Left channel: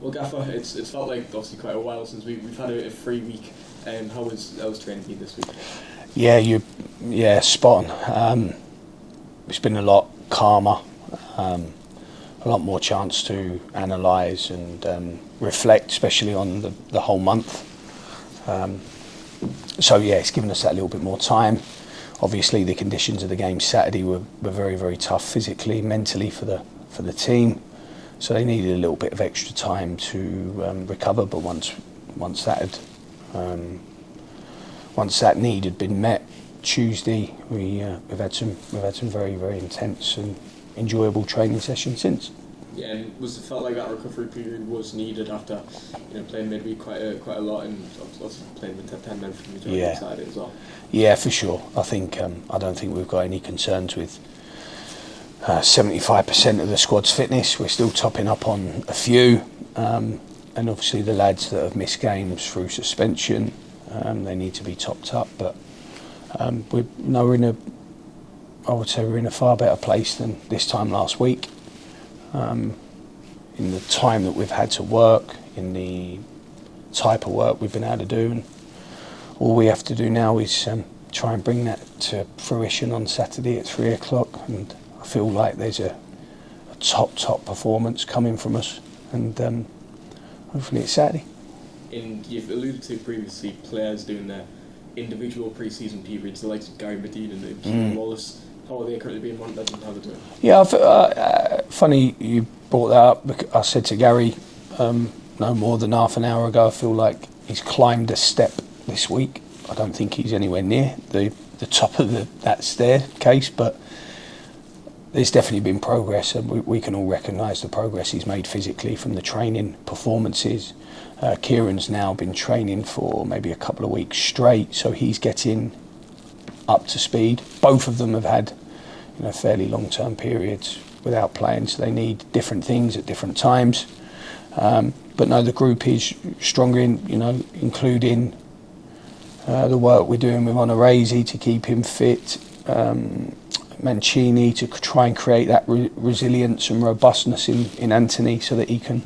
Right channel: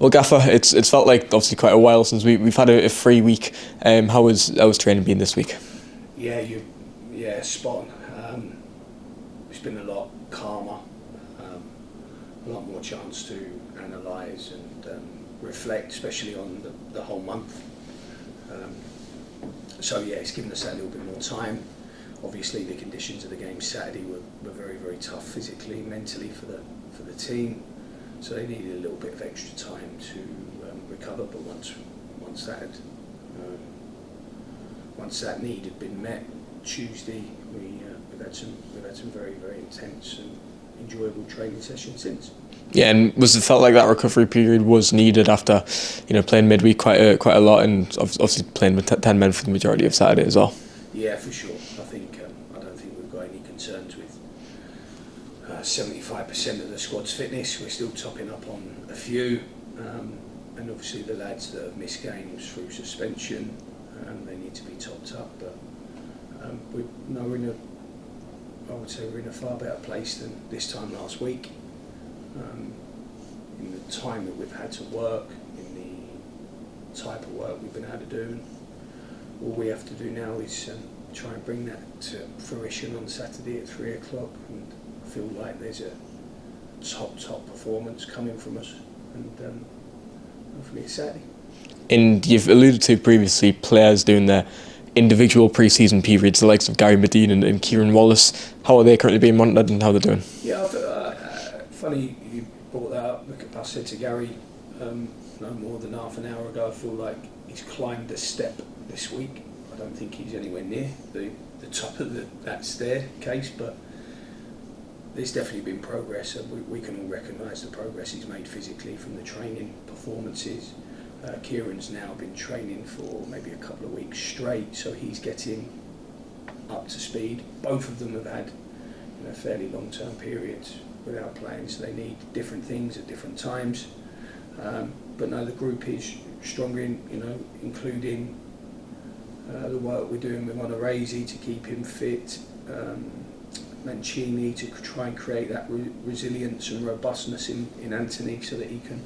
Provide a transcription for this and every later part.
Well, Gaffer, it's felt like obviously quite a while since we've had a free week. How was training been this week? Yeah, spot on. It's been a lot calmer, a lot more chance to analyse and reflect, especially on the whole month. So yeah, it's given us that little bit more time. Obviously, the conditions of the game Saturday were very, very tough physically, mentally for the team. So they needed a little bit of extra time to recover. But once that need had been met, Tuesday we've had some very, very intense and enjoyable training sessions since. Yeah, and it felt like that recovery period was needed after, playing midweek quite a lot, and obviously playing with 10 men for the majority of Saturday as well. Yeah, for sure. I don't think we've got any concerns with 75% of the squad's fitness. We're still topping up on a few, and obviously the lads that have missed games through suspension, they need to be topped up. But we're in a far better place than this time last week. In the time that we've had to work, in the type of work we've been able to do, and all we have to do now is try and bring that to fruition on Saturday at 3 o'clock. And I feel like there's a top performance coming from us, and hopefully it's Saturday. And you've alluded to previously players doing their individual pre-season periods, the likes of Gary Medine and Kieran Wallace. How are they currently being monitored and how they're doing? Yeah, funny you brought that up. I said to Gary no more than half an hour ago, I feel like he's climbed a step this week. I don't think he's anywhere near the top of that staircase, but there's definitely been progress, and we can all recognise the progress he's made physically from the training performances. Kieran's now been training for maybe a couple of weeks straight, so he's getting up to speed. Both of them have had fairly long-term periods without playing, so they need different things at different times. But no, the group is stronger, including the work we're doing with Onoresi to keep him fit, Mancini to try and create that resilience and robustness in Anthony so that he can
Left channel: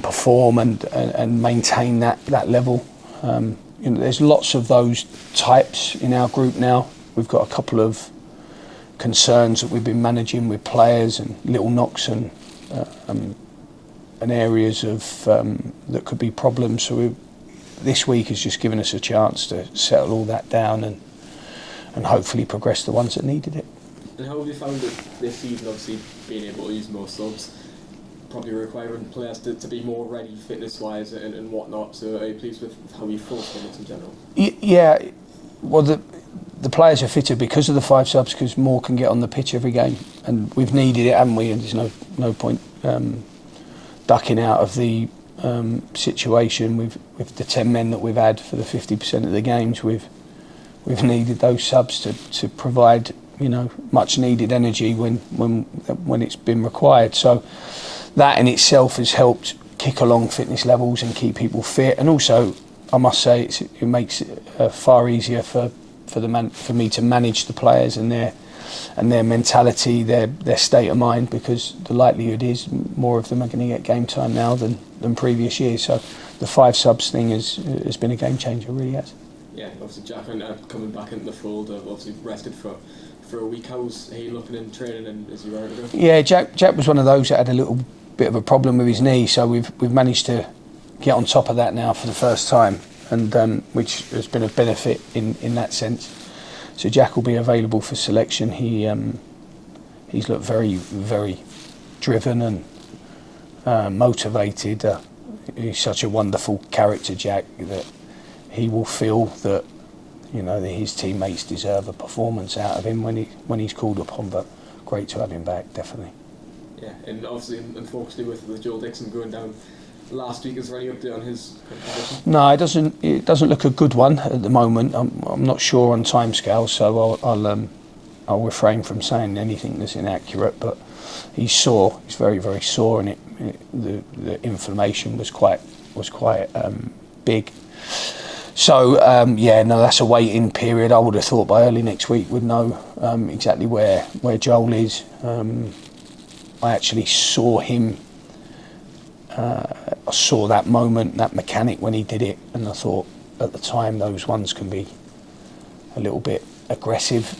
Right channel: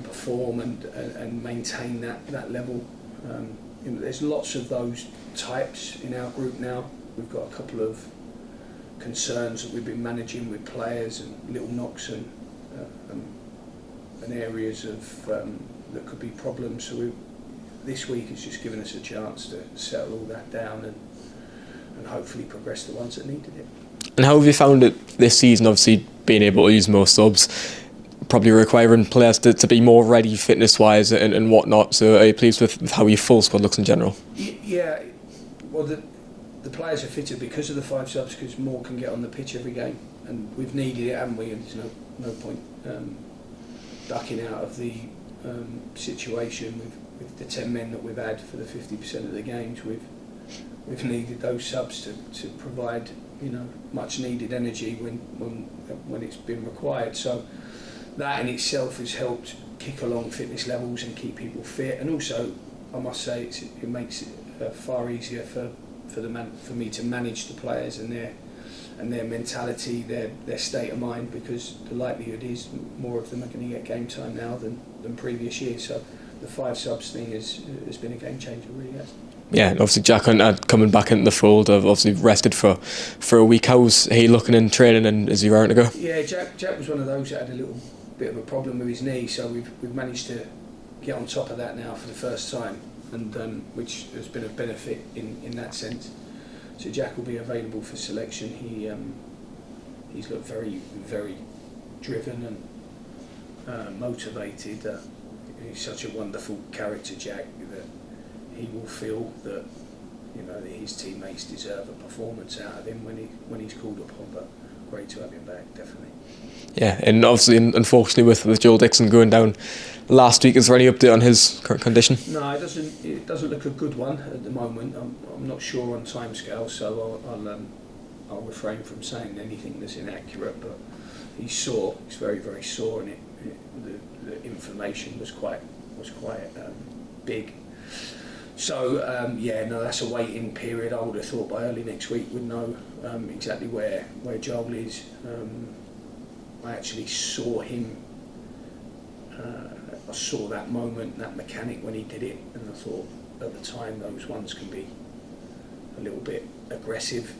perform and maintain that level. There's lots of those types in our group now. We've got a couple of concerns that we've been managing with players and little knocks and areas of that could be problems. So this week has just given us a chance to settle all that down and hopefully progress the ones that needed it. And how have you found it this season, obviously being able to use more subs, probably requiring players to be more ready fitness-wise and whatnot? So are you pleased with how your full squad looks in general? Yeah, well the players are fitter because of the 5 subs, because more can get on the pitch every game, and we've needed it, haven't we? And there's no point ducking out of the situation with the 10 men that we've had for the 50% of the games. We've needed those subs to provide much needed energy when it's been required. So that in itself has helped kick along fitness levels and keep people fit, and also I must say it makes it far easier for me to manage the players and their mentality, their state of mind, because the likelihood is more of them are going to get game time now than previous years. So the 5 subs thing has been a game changer, really has. Yeah, and obviously Jack Hunter coming back into the fold. I've obviously rested for a week. How's he looking in training, and is he raring to go? Yeah, Jack was one of those that had a little bit of a problem with his knee, so we've managed to get on top of that now for the first time, and which has been a benefit in that sense. So Jack will be available for selection. He's looked very, very driven and motivated. He's such a wonderful character, Jack, that he will feel that that his teammates deserve a performance out of him when he's called upon. But great to have him back, definitely. Yeah, and obviously, unfortunately, with Joel Dixon going down last week, is there any update on his current condition? No, it doesn't look a good one at the moment. I'm not sure on timescales, so I'll refrain from saying anything that's inaccurate. But he's sore. He's very, very sore, and the inflammation was quite big. So that's a waiting period. I would have thought by early next week we'd know exactly where Joel is. I actually saw him I saw that moment, that mechanic when he did it, and I thought at the time those ones can be a little bit aggressive.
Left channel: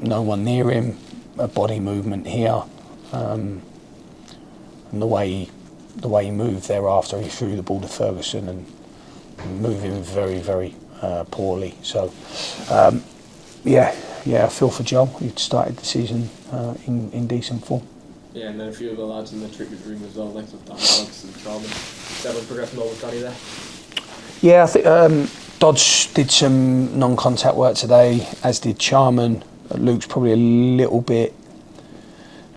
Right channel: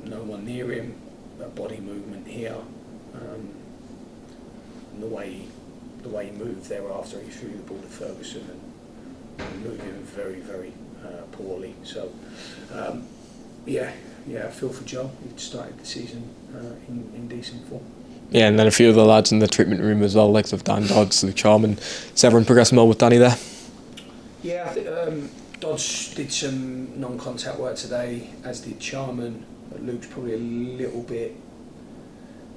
No one near him, a body movement here, and the way he moved thereafter, he threw the ball to Ferguson and moved him very, very poorly. So, I feel for Joel. He started the season in decent form. Yeah, and then a few of the lads in the treatment room as well, like of Dan Dodds, Luke Charman. Is everyone progressing well with Danny there? Yeah, I think Dodds did some non-contact work today, as did Charman. Luke's probably a little bit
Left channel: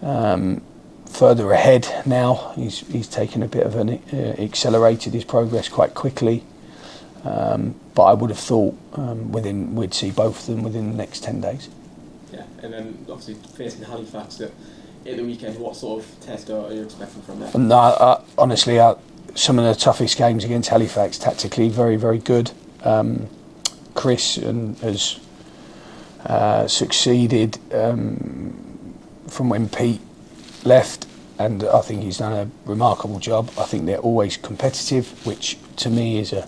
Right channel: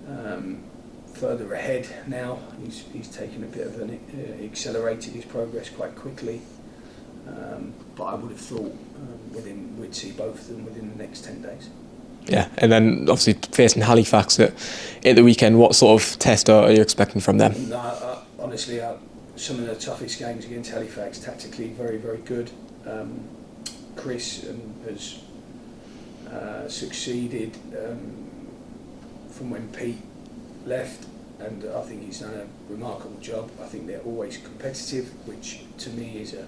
further ahead now. He's taken a bit of an accelerated his progress quite quickly. But I would have thought we'd see both of them within the next 10 days. Yeah, and then obviously facing Halifax at the weekend, what sort of test are you expecting from them? No, honestly, some of the toughest games against Halifax, tactically very, very good. Chris has succeeded from when Pete left, and I think he's done a remarkable job. I think they're always competitive, which to me is a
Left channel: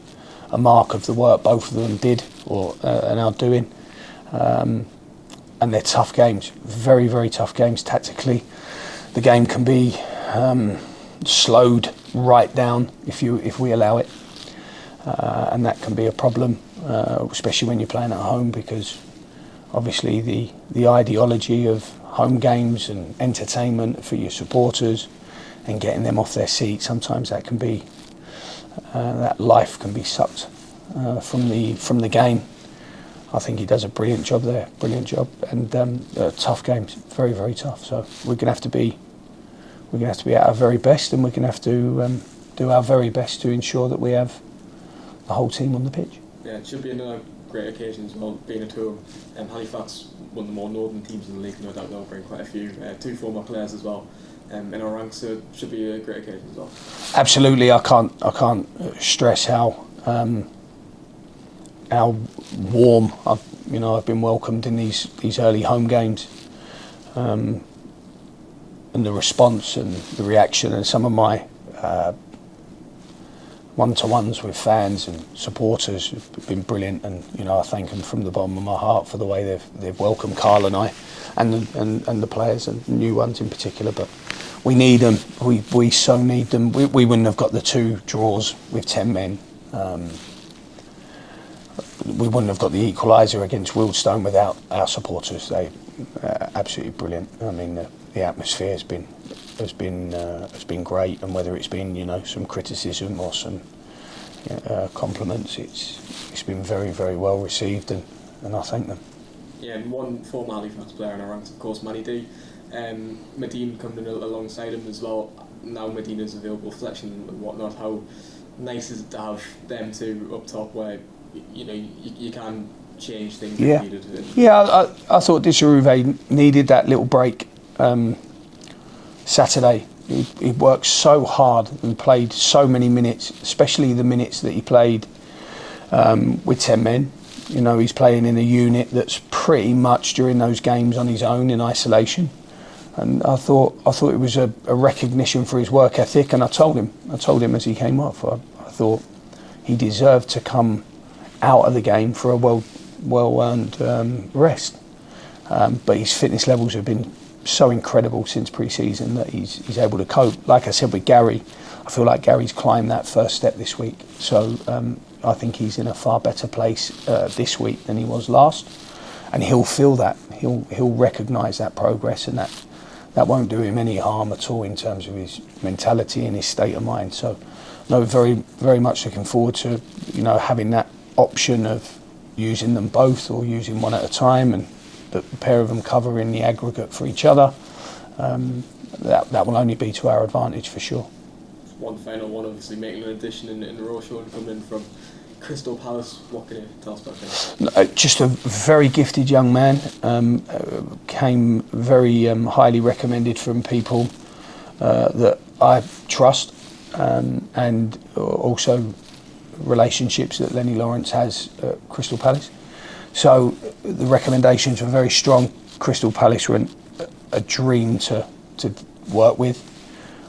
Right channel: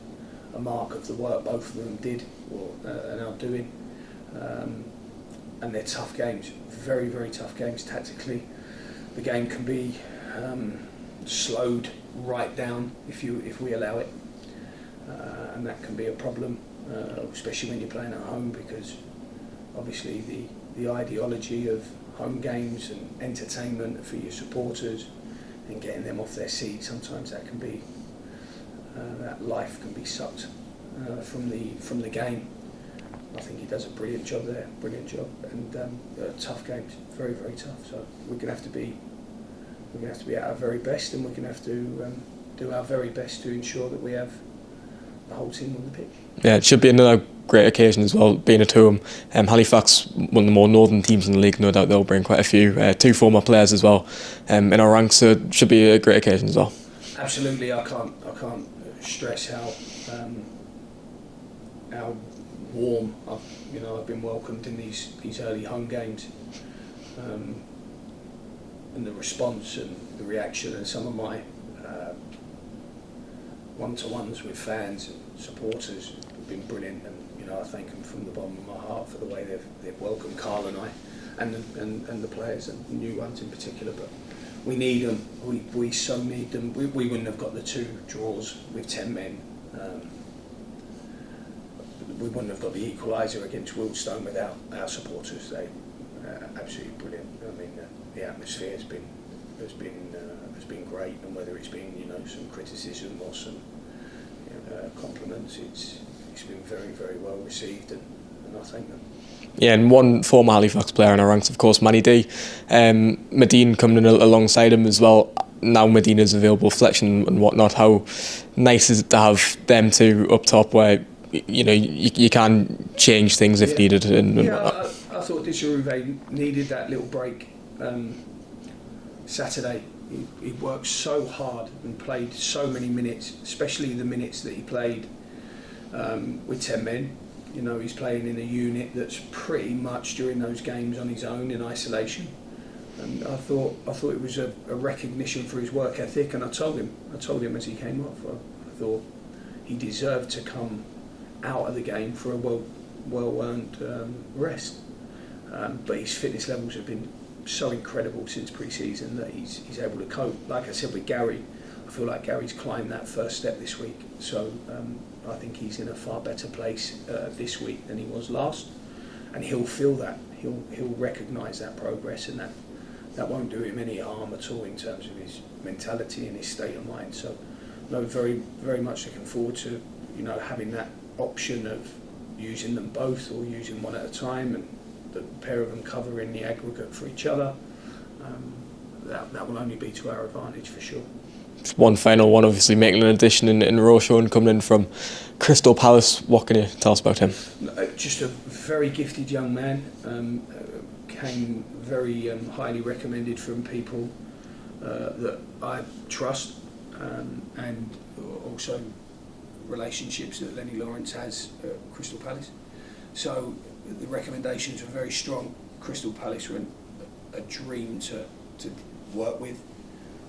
mark of the work both of them did or and are doing. And they're tough games, very, very tough games tactically. The game can be slowed right down if we allow it, and that can be a problem, especially when you're playing at home, because obviously the ideology of home games and entertainment for your supporters and getting them off their seat, sometimes that can be that life can be sucked from the game. I think he does a brilliant job there, and tough games, very, very tough. So we're gonna have to be at our very best, and we're gonna have to do our very best to ensure that we have the whole team on the pitch. Yeah, it should be another great occasion as well, being at home. Halifax, one of the more northern teams in the league, no doubt they'll bring quite a few, 2 former players as well in our ranks, so it should be a great occasion as well. Absolutely, I can't stress how warm I've been welcomed in these early home games, and the response and the reaction, and some of my one-to-ones with fans and supporters have been brilliant, and I thank them from the bottom of my heart for the way they've welcomed Carl and I, and the players, and the new ones in particular. But we need them. We so need them. We wouldn't have got the 2 draws with 10 men. We wouldn't have got the equaliser against Wildstone without our supporters. They absolutely brilliant. I mean, the atmosphere has been great, and whether it's been some criticism or some compliments, it's been very, very well received, and I thank them. Yeah, and one former Halifax player in our ranks, of course, Manny D. Medine coming in alongside him as well. Now Medina's available, Fletcher and whatnot. How nice is it to have them 2 up top, where you can change things if needed? I thought Disharuve needed that little break Saturday. He worked so hard and played so many minutes, especially the minutes that he played with 10 men. He's playing in a unit that's pretty much during those games on his own in isolation, and I thought it was a recognition for his work ethic, and I told him as he came off, I thought he deserved to come out of the game for a well-earned rest, but his fitness levels have been so incredible since pre-season that he's able to cope. Like I said with Gary, I feel like Gary's climbed that first step this week, so I think he's in a far better place this week than he was last, and he'll feel that, he'll recognise that progress, and that won't do him any harm at all in terms of his mentality and his state of mind. So no, very, very much looking forward to having that option of using them both or using one at a time, and the pair of them covering the aggregate for each other. That will only be to our advantage for sure. One final one, obviously making an addition in Rashan, coming in from Crystal Palace. What can you tell us about him? Just a very gifted young man. Came very highly recommended from people that I trust, and also relationships that Lenny Lawrence has at Crystal Palace. So the recommendations were very strong. Crystal Palace were a dream to work with.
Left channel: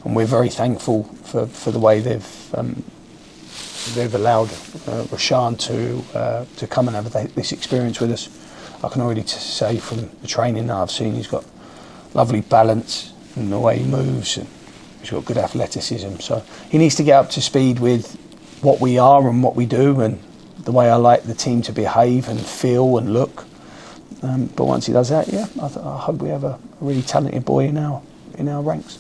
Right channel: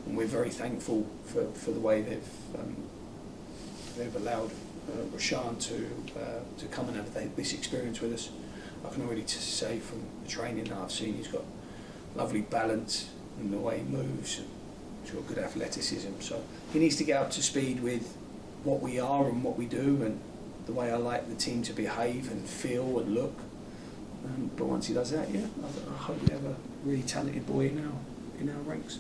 and we're very thankful for the way they've allowed Rashan to come and have this experience with us. I can already say from the training that I've seen, he's got lovely balance in the way he moves, and he's got good athleticism. So he needs to get up to speed with what we are and what we do, and the way I like the team to behave and feel and look. But once he does that, I hope we have a really talented boy in our ranks.